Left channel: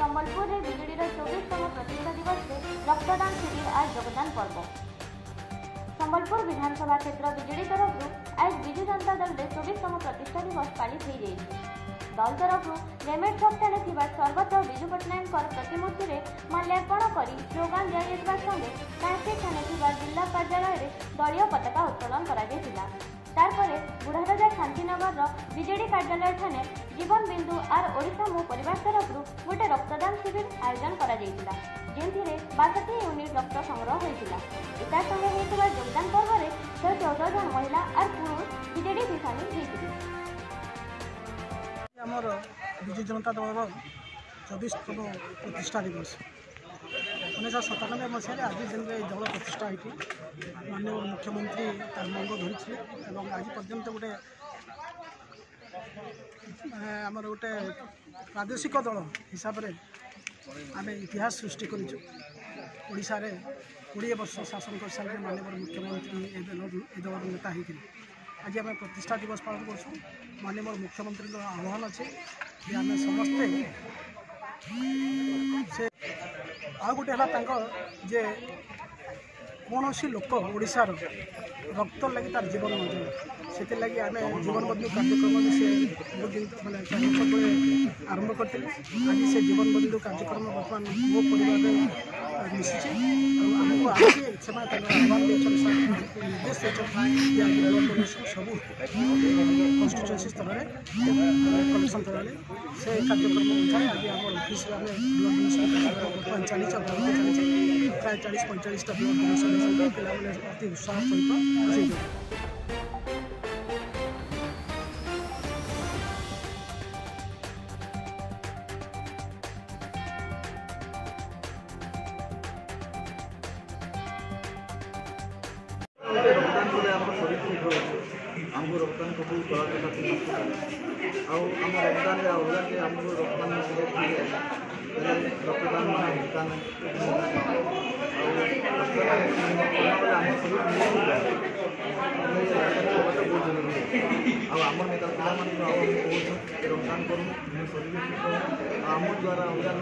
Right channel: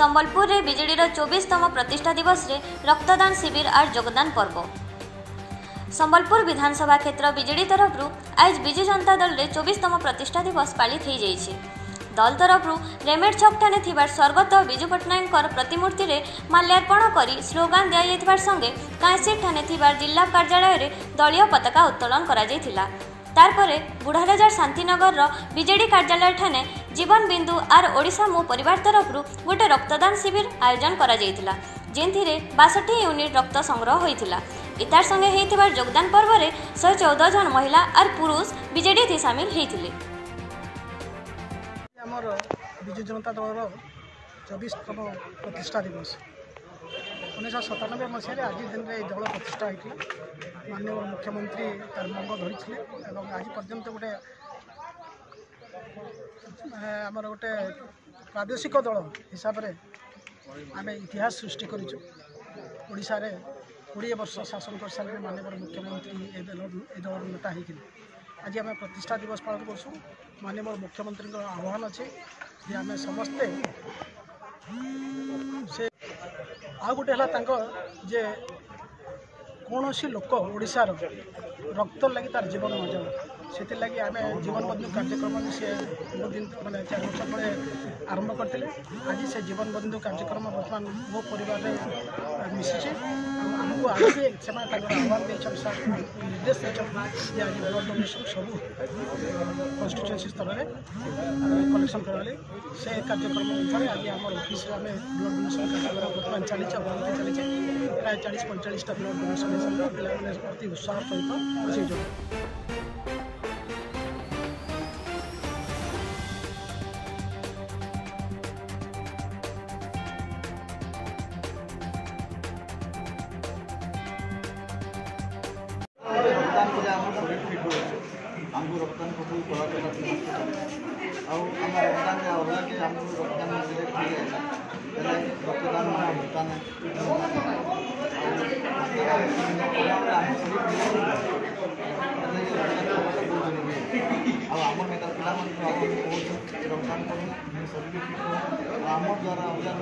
संबलपुर में बीजेडीर 24तम प्रतिष्ठा दिवस रे रक्तदान शिविर और योगदान पर्व। संबलपुर विधानसभा क्षेत्र बीजेडी तरफ आज विजु जनता दल रे 24तम प्रतिष्ठा दिवस पालित हो जाइछि। दल तरफ रेमेड छक ठाने थिबार स्वर्गत विजु पट्टनायक प्रतिमूर्ति रे माल्यार्पण करी स्लोगान दिया जाइथिबार संगे कांसीट ठाने थिबार जिला कार्यालय रे दलीय पताका उत्तोलन करा जाइथिला। तारपरे बुढ़ाराजार शांतिनगर बीजेडी कार्यालय ठाने जीवन बिंदु आर ओडिशा मो परिवार तरफ गोटे रक्तदान शिविर आयोजन करा जाइथिला, जेंथिरे 62 यूनिट रक्त संग्रह होइथिला। इतार संगे हेइथिबार योगदान पर्व रे 114 जन महिला और पुरुष बीजेडी थी शामिल हेइथिले। हमर विजु जनता दल 24तम प्रतिष्ठा दिवस 1997 मसीह आज दिन में दल प्रतिष्ठा होता। माननीय मुख्यमंत्री तार मंग धरी आज पर्यंत गोटे आमर गोटे प्रादेशिक दल हिसाब से आम इतिहास सृष्टि करूँ। रे 20 वर्ष शासन कर सारे माननीय मुख्यमंत्री दल नेता होते। आज आम प्रतिष्ठा दिवस पालन कर माननीय मुख्यमंत्री आह्वान अच्छे कि आम समस्ते से आ गोटे जे कौन सी लोक ओडिशार रक्त लगी तार जीवन नजाऊ से लगी आम जीवन बंधु कार्यक्रम से बहुत दिन मैंने 4 वर्ष तले आरंभ करते। आज से जीवन बंधु कार्यक्रम बर्तमान मो परिवार मिसी आमको आगे से आह्वान निर्देश देते आज ब्लड डोनेशन सब कन्स्टिट्यूएंसी स्तर में कलेक्शन कराले से कार्यक्रम अनुसार आज आम ऑफिस आम ब्लड डोनेशन कार्यक्रम बर्तमान चली प्राय 40-45टा ब्लड डोनेशन हिसाब से पे अति उत्साह सहित रक्तदान को आम शरीर फिट रोचे आमको रक्तदान को कलाकता आम रक्तदान अलग के आम रक्तदान रक्तदान मान भुगतान रक्तदान बेले आम शरीर रक्तदान बहुत जरूरी आम नेता पे रक्तदान करूँ शरीर फिट आम द्वारा अलग